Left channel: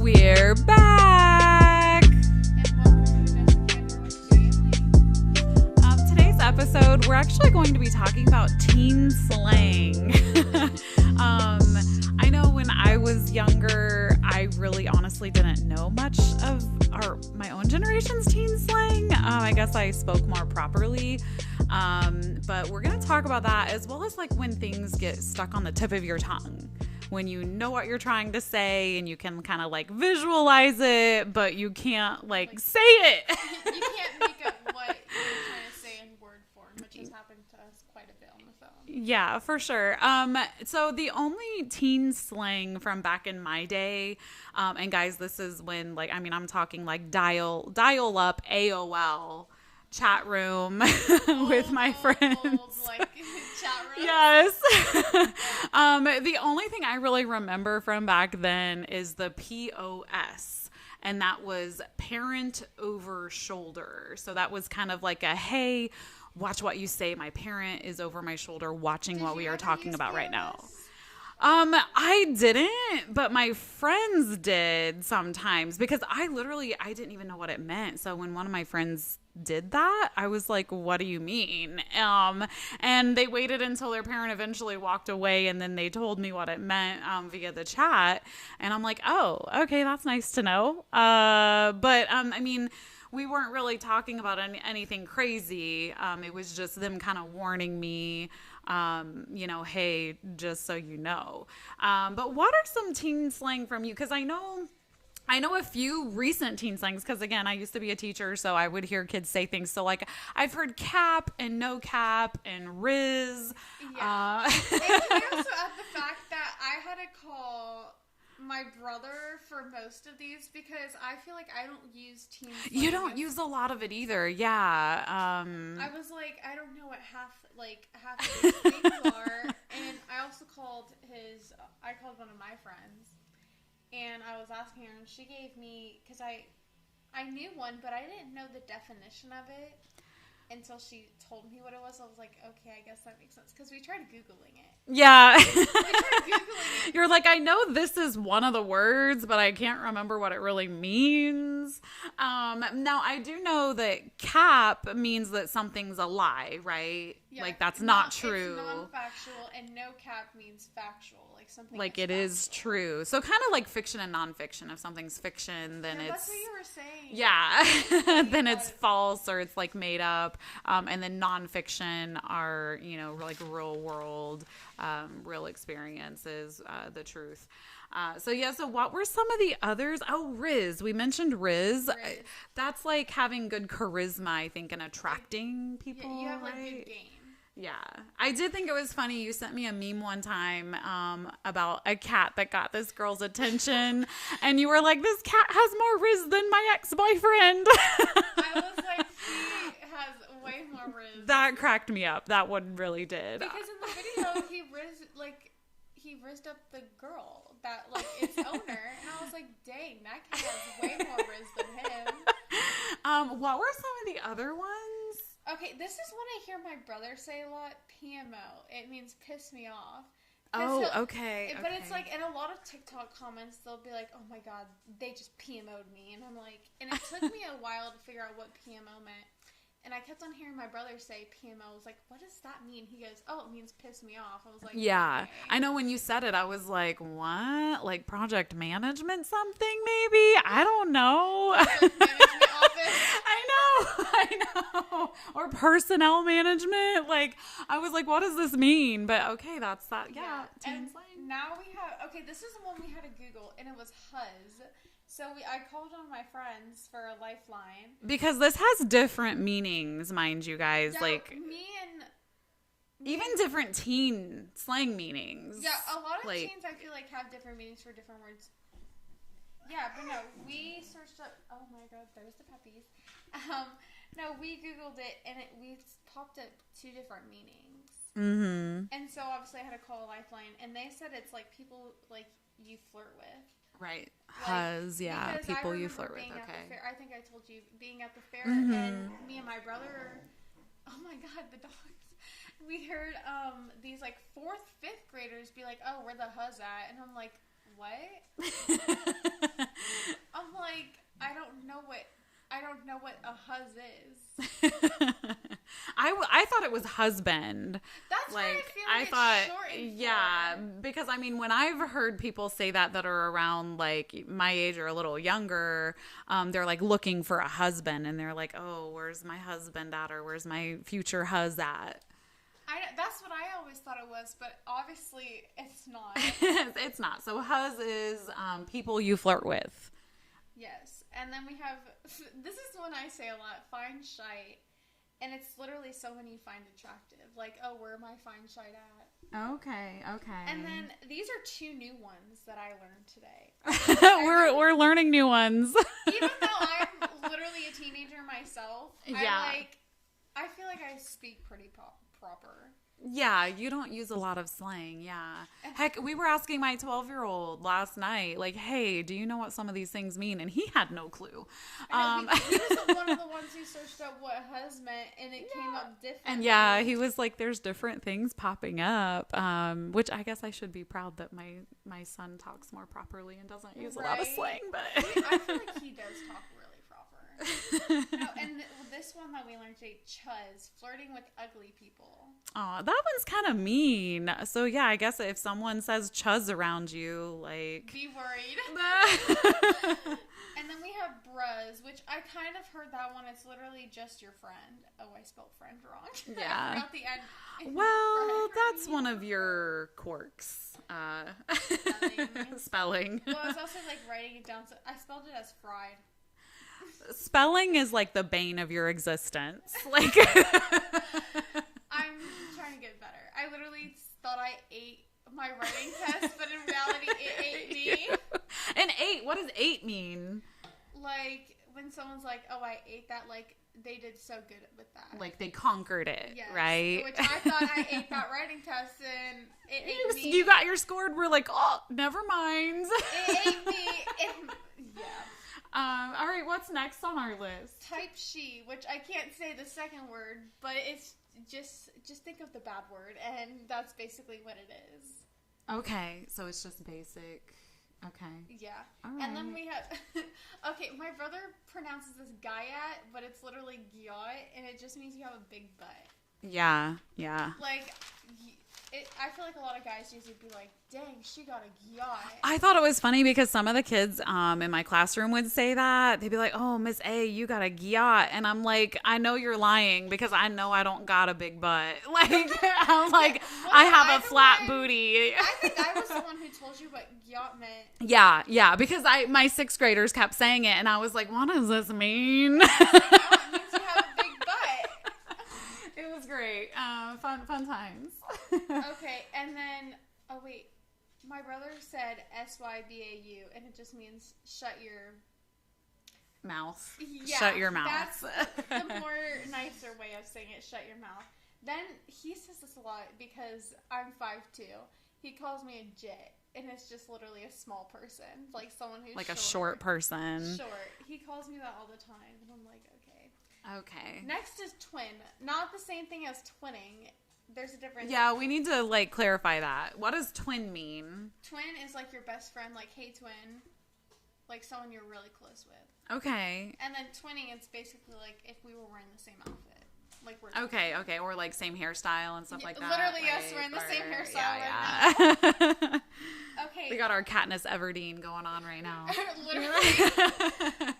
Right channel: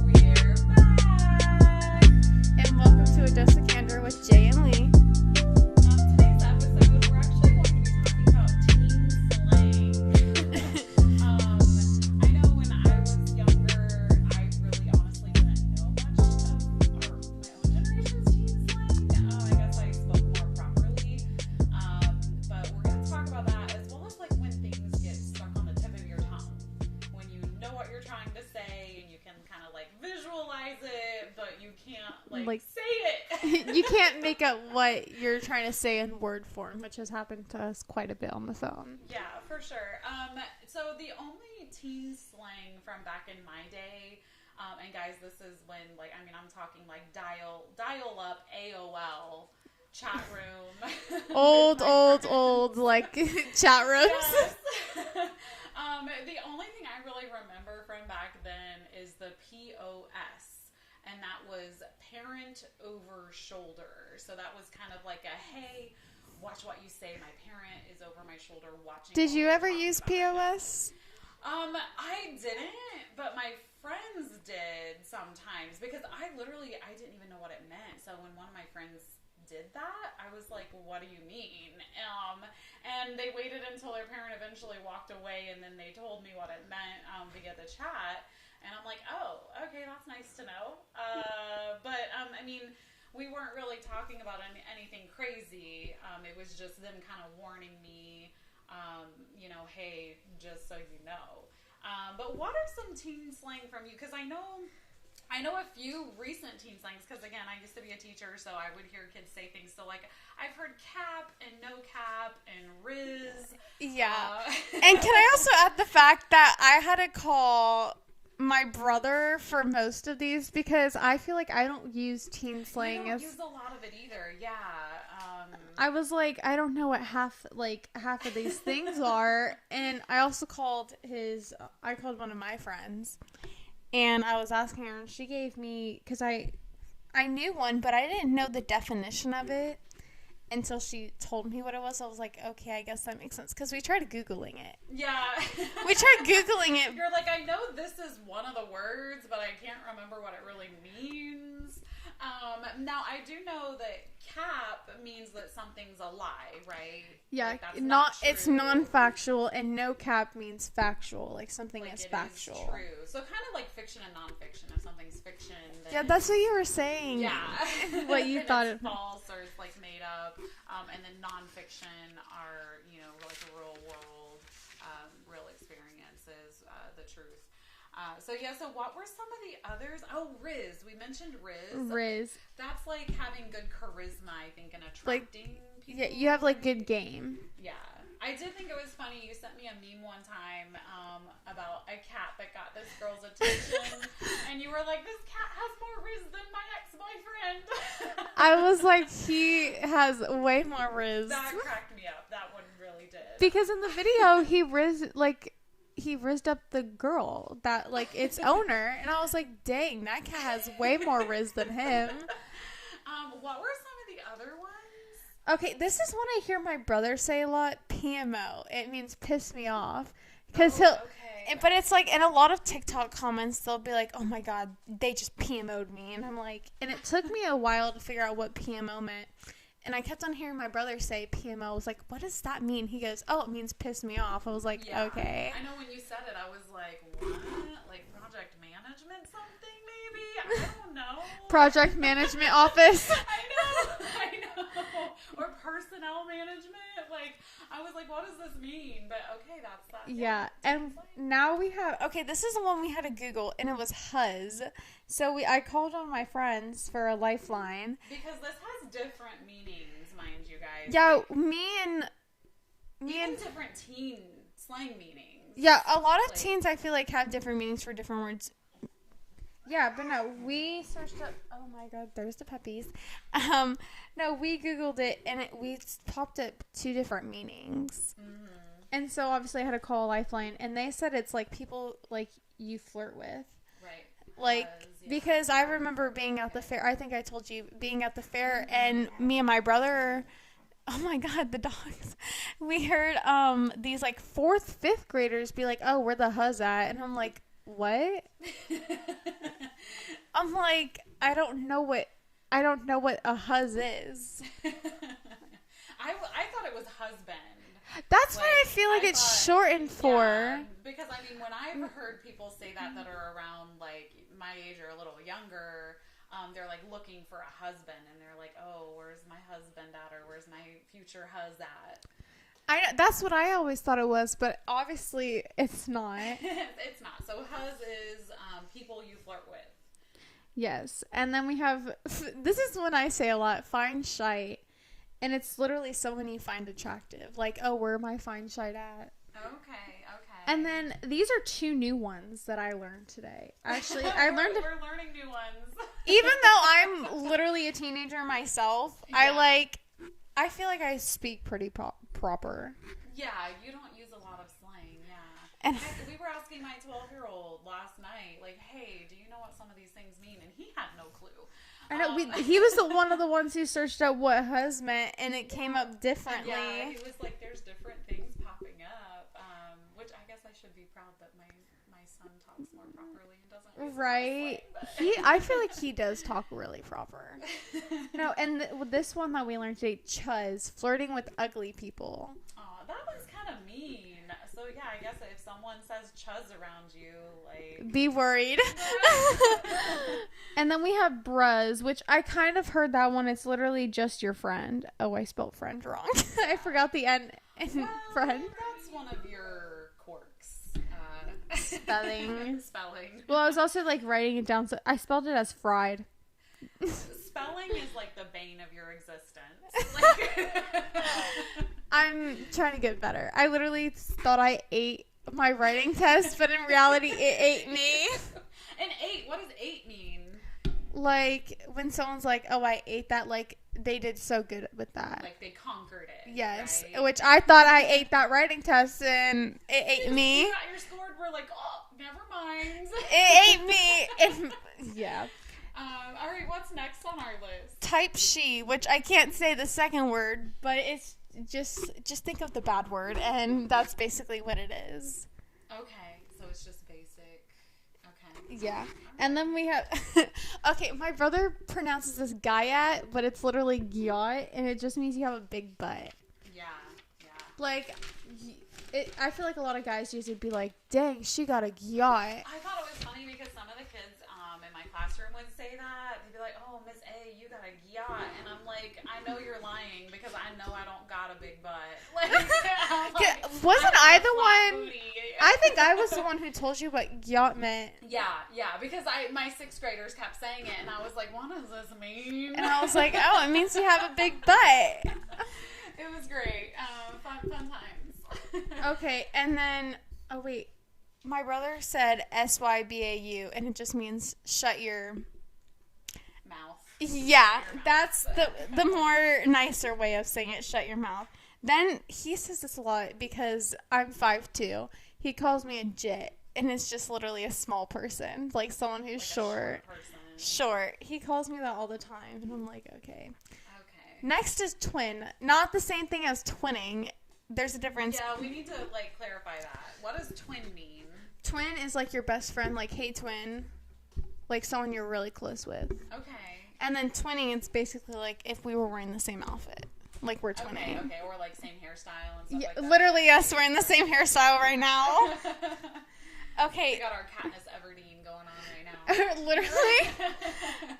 We're back! And welcome to A Dose of Candor with Jay and Lee. Today's episode, we're actually going to be talking about teen slang. I know when I was younger, I really honestly didn't know much of my own generation's teen slang. I guess I spoke more properly. But we're going to talk about that as well as like when things get stuck on the tip of your tongue. When you know what you're trying to say and you can kind of like visualize it, but you can't like say it. You can't make up what you're trying to say in word form, which has happened to us quite a bit on the phone. Yeah, for sure. So the only teen slang from back in my day, and guys, this is when I'm talking like dial up AOL chat room with my friends. Old like chat rooms. Yes. The only thing I really remember from back then is the POS, and that was parent over shoulder. So that was kind of like a, hey, watch what you say. My parent is over my shoulder watching what we are talking about right now. I didn't, but my friends did sometimes because I didn't even know what it meant. So when one of my friends did that, I was like, what do you mean? And they waited until their parent eventually walked away, and then they told me what it meant via the chat. And I'm like, oh, okay, that's nice to know. But we weren't really talking about anything crazy. It was just them kind of warning me, hey, just so you know. But what are some teen slang from you? Because I know a few recent teen slangs because, again, I used to be a teacher, so I would hear kids say things. So, like, I've heard cap and no cap and riz. Yeah. And can I also add the fact that I had to call my brother for most of these because I feel like I don't use teen slang. You don't use a lot of it either. Yeah. I was like, I don't know what half of these things are. And I also called one of my friends. And I was asking her, and she gave me, because I knew one, but I didn't know the definition of it until she told me what it was. I was like, okay, I guess that makes sense, because we tried Googling it. Yeah. We tried Googling it. You're like, I know this is one of the words, but I can't remember what it really means. Now, I do know that cap means that something's a lie, right? Yeah. Like, that's not true. It's non-factual, and no cap means factual, like something like is it factual. Is true. So kind of like fiction and nonfiction. If something's fiction, then that's what you were saying. Yeah. Then it's false or it's like made up. And then nonfiction are, like real world, real experiences, the truth. So what were some of the others? Oh, Riz. We mentioned Riz. That's like having good charisma, I think, and attracting people. Yeah, you have like good game. Yeah. I did think it was funny. You sent me a meme one time about a cat that got this girl's attention. And you were like, this cat has more Riz than my ex-boyfriend. I was like, he has way more Riz. That cracked me up. That one really did. Because in the video, he rizzed up the girl that like its owner, and I was like, dang, that cat has way more Riz than him. What were some of the other ones? Okay, this is one I hear my brother say a lot. PMO. It means piss me off. Okay. But it's like in a lot of TikTok comments, they'll be like, "Oh my god, they just PMO'd me," and I'm like, and it took me a while to figure out what PMO meant. And I kept on hearing my brother say PMO. I was like, what does that mean? He goes, oh, it means piss me off. I was like, yeah. Okay. I know when you said it, I was like, what? Like project management something maybe? I don't know. Project management office. I know. Or personnel management. Like, I was like, what does this mean? But okay, that's that. Yeah. And now we have, okay, this is the one we had to Google, and it was Huzz. So I called on my friends for a lifeline. Because this has different meanings, mind you guys. Yeah, like, even different teen slang meanings. Yeah, a lot of teens I feel like have different meanings for different words. Yeah, but no, we searched up, oh my god, there's the puppies. No, we Googled it, and we popped up two different meanings. Mm-hmm. And so obviously I had to call a lifeline, and they said it's like people like you flirt with. Right. Like, because I remember being at the fair. I think I told you being at the fair, and me and my brother. Oh my god, the dogs! We heard these like 4th, 5th graders be like, "Oh, where the Huzz at?" And I'm like, what? I'm like, I don't know what a huz is. I thought it was husband. That's what I feel like it's shortened for. Because I mean, when I've heard people say that are around like my age or a little younger, they're like looking for a husband, and they're like, oh, where's my husband at, or where's my future huz at? That's what I always thought it was, but obviously it's not. It's not. So huz is people you flirt with. Yes, and then we have, this is one I say a lot, find shite. And it's literally someone you find attractive. Like, oh, where am I find shite at? Okay. And then these are 2 new ones that I learned today. We're learning new ones. Even though I'm literally a teenager myself, yeah. I feel like I speak pretty proper. Yeah, you don't use a lot of slang, yeah. And heck, we were asking my 12-year-old last night, like, hey, do you know what some of these things mean? And he had no clue. He was one of the ones who searched out what huz meant, and it came up differently. Yeah, he was like, there's different things popping up, which I guess I should be proud that my son talks more properly and doesn't use a lot of slang. But I feel like he does talk really proper. No, and this one that we learned today, chuzz, flirting with ugly people. Oh, that one's kind of mean. So yeah, I guess if someone says chuzz around you, like, be worried. And then we have bruz, which I kind of heard that one. It's literally just your friend. Oh, I spelled friend wrong. Yeah. I forgot the N. Well, that's one of your quirks. Spelling. Well, I was also like writing it down. So I spelled it as fried. Spelling is like the bane of your existence. Like, I'm trying to get better. I literally thought I ate my writing test, but in reality, it ate me. And what does ate mean? Like, when someone's like, oh, I ate that, like, they did so good with that. Like, they conquered it, yes, right? Which I thought I ate that writing test, and it ate me. You got your score, and we're like, oh, never mind. It ate me. Yeah. All right, what's next on our list? Type she, which I can't say the second word, but it's just think of the bad word, and that's basically what it is. Okay, so it's just basic. Okay. Yeah. Right. And then we have okay, my brother pronounces this gayat, but it's literally gyat, and it just means you have a big butt. Yeah. Like, I feel like a lot of guys usually be like, dang, she got a gyat. I thought it was funny because some of the kids in my classroom would say that. They'd be like, oh, Miss A, you got a gyat. And I'm like, I know you're lying because I know I don't got a big butt. Like, I'm like, I have a flat booty. I think I was the one who told you what gyat meant. Yeah, because my 6th graders kept saying it, and I was like, what does this mean? And I was like, oh, it means you have a big butt. It was great. Fun times. Okay, and then, oh wait, my brother said SYBAU, and it just means shut your mouth. Yeah, shut your mouth. That's the more nicer way of saying it, shut your mouth. Then he says this a lot because I'm 5'2". He calls me a jit, and it's just literally a small person, like someone who's like short. A short person. Short. He calls me that all the time, and I'm like, okay. Okay. Next is twin. Not the same thing as twinning. There's a difference. Yeah, we need to, like, clarify that. What does twin mean? Twin is, like, your best friend, like, hey, twin. Like, someone you're really close with. Okay. And then twinning, it's basically, like, if we were wearing the same outfit. Like, we're twinning. Okay. Or, like, same hairstyle and stuff like that. Literally us wearing the same hairstyle right now. Okay. We got our Katniss Everdeen going on right now. Literally.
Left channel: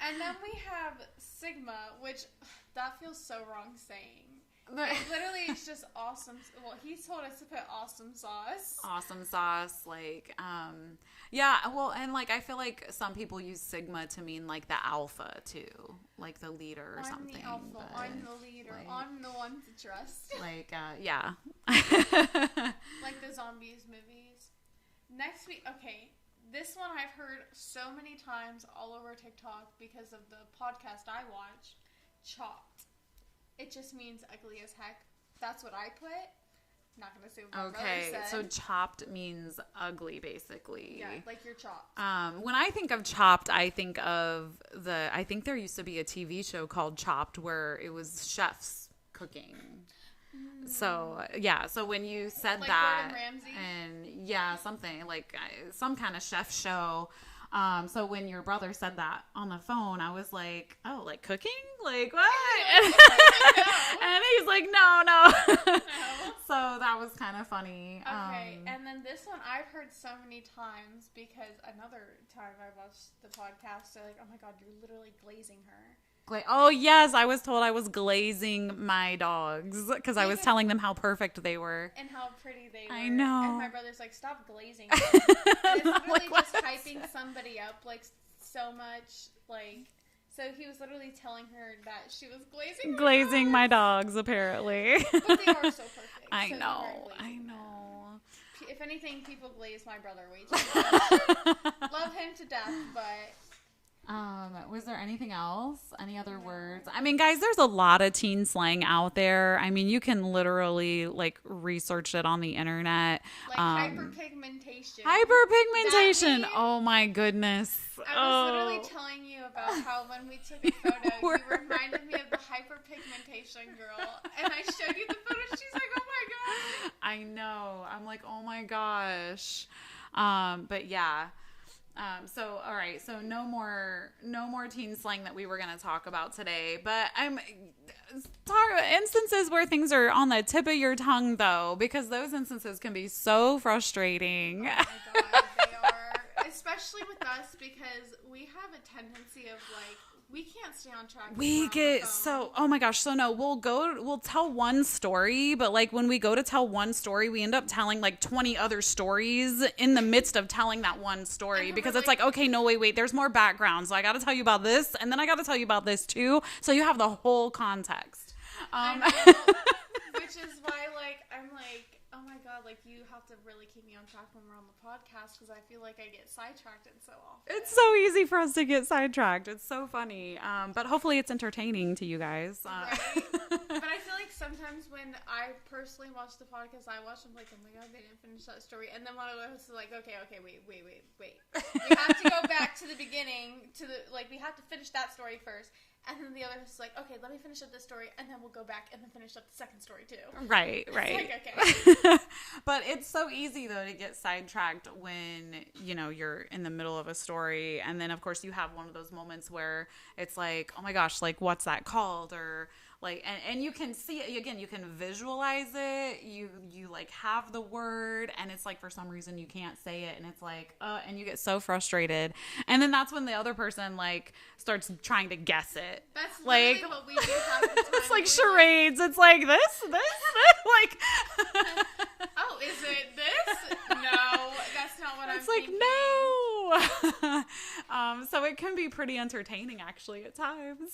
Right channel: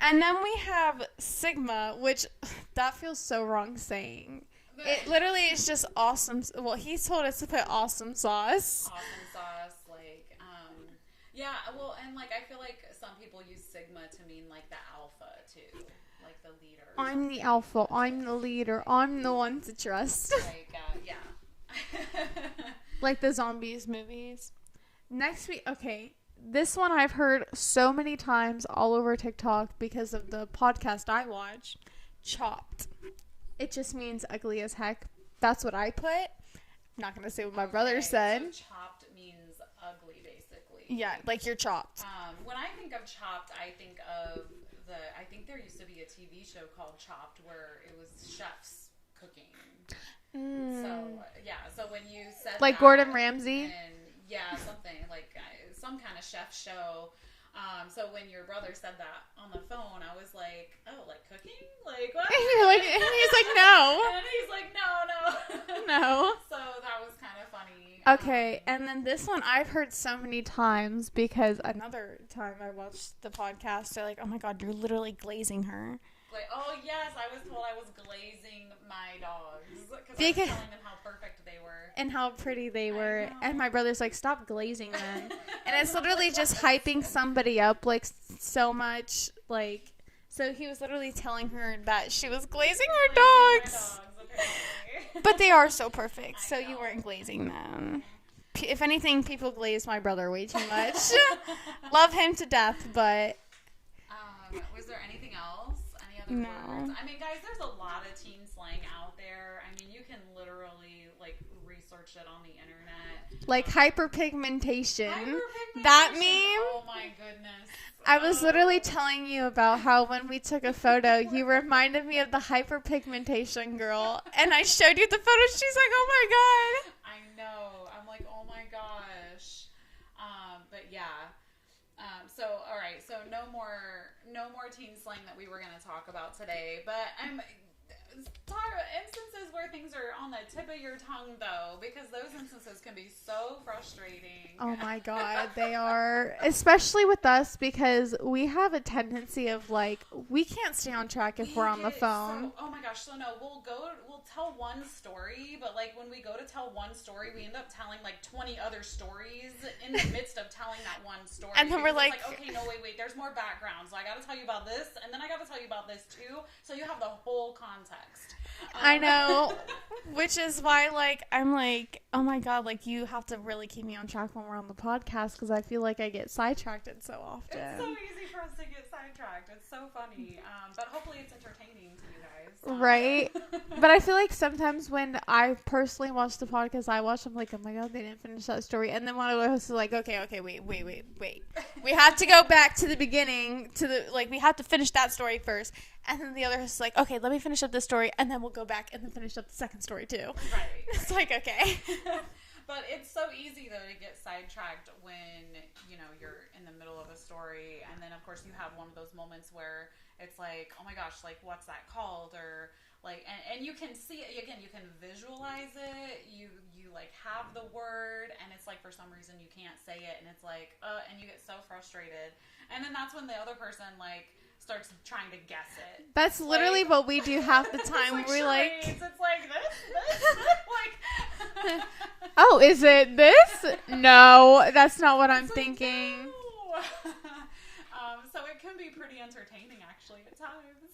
And then we have Sigma, which, that feels so wrong saying. It literally is just awesome. Well, he told us to put awesome sauce. Awesome sauce, like, yeah, well, and, like, I feel like some people use Sigma to mean, like, the alpha, too. Like, the leader or I'm something. the alpha. I'm the leader. I'm the one to trust. Like, yeah. Like the zombies movies. Next week, okay, this one I've heard so many times all over TikTok because of the podcast I watch, chopped. It just means ugly as heck. That's what I put. I'm not going to say what my brother said. So chopped means ugly, basically. Yeah, like you're chopped. When I think of chopped, I think of I think there used to be a TV show called Chopped where it was chefs cooking. So yeah, so when you said like that, Gordon Ramsay, and yeah, something like some kind of chef show. So when your brother said that on the phone, I was like, oh, like cooking? Like what? and he's like, no. And he's like, no. No. So that was kind of funny. Okay, and then this one I've heard so many times because another time I watched the podcast, they're like, oh my God, you're literally glazing her. Oh, yes, I was told I was glazing my dogs because I was telling them how perfect they were. And how pretty they were. I know. And my brother's like, stop glazing them. And it's literally just hyping somebody up, like, so much, like... So he was literally telling her that she was glazing my dogs, apparently. But they are so perfect, I so know, you weren't glazing them. If anything, people glaze my brother way too much. Love him to death, but... Was there anything else? Any other words? I mean, guys, there's a lot of teen slang out there. I mean, you can literally like research it on the internet. Like hyperpigmentation. Hyperpigmentation. Oh my goodness. I was literally telling you about how when we took a photo, you reminded me of the hyperpigmentation girl. And I showed you the photo. She's like, oh my God. I know. I'm like, oh my gosh. But yeah. So, all right. So no more teen slang that we were going to talk about today, but instances where things are on the tip of your tongue though, because those instances can be so frustrating. Oh my God. They are, especially with us, because we have a tendency of like, we can't stay on track if we're on the phone. Oh my gosh. So no, we'll tell one story, but like when we go to tell one story, we end up telling like 20 other stories in the midst of telling that one story because it's like, okay, no, wait, there's more background. So I got to tell you about this and then I got to tell you about this too. So you have the whole context. I know, which is why, like, I'm like, oh my God, like, you have to really keep me on track when we're on the podcast because I feel like I get sidetracked so often. It's so easy for us to get sidetracked. It's so funny, but hopefully it's entertaining to you guys. Right? But I feel like sometimes when I personally watch the podcast, I'm like, oh my God, they didn't finish that story. And then one of the hosts is like, okay, wait. We have to go back to the beginning, we have to finish that story first. And then the other host is like, okay, let me finish up this story, and then we'll go back and then finish up the second story too. Right. It's like, okay. But it's so easy, though, to get sidetracked when, you're in the middle of a story. And then, of course, you have one of those moments where it's like, oh, my gosh, like, what's that called? Or, like, and you can see it, again, you can visualize it. You like, have the word, and it's like, for some reason, you can't say it. And it's like, and you get so frustrated. And then that's when the other person, like, starts trying to guess it. That's literally what we do half the time. It's like charades. It's like this, like. Oh, is it this? No, that's not what I'm thinking. No. So it can be pretty entertaining, actually, at times.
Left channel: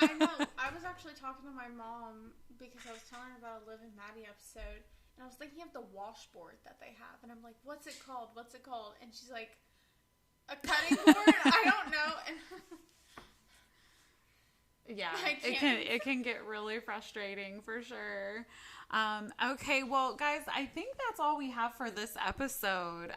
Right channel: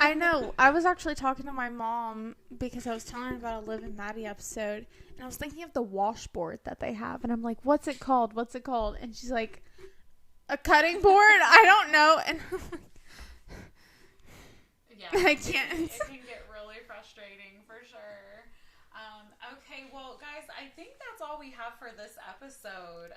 I know. I was actually talking to my mom because I was telling her about a Liv and Maddie episode, and I was thinking of the washboard that they have, and I'm like, what's it called? And she's like, a cutting board? I don't know. And yeah, it can get really frustrating for sure. Okay, well, guys, I think that's all we have for this episode.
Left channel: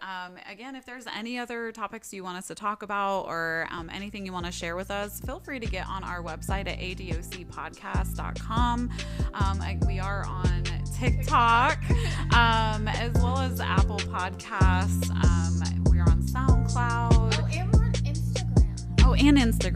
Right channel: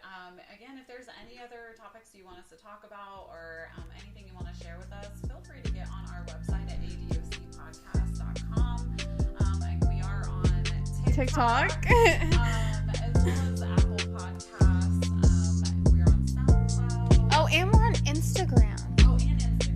Again, if there's any other topics you want us to talk about or anything you want to share with us, feel free to get on our website at adocpodcast.com. We are on TikTok. As well as Apple Podcasts. We're on SoundCloud. Oh, and we're on Instagram. And Instagram.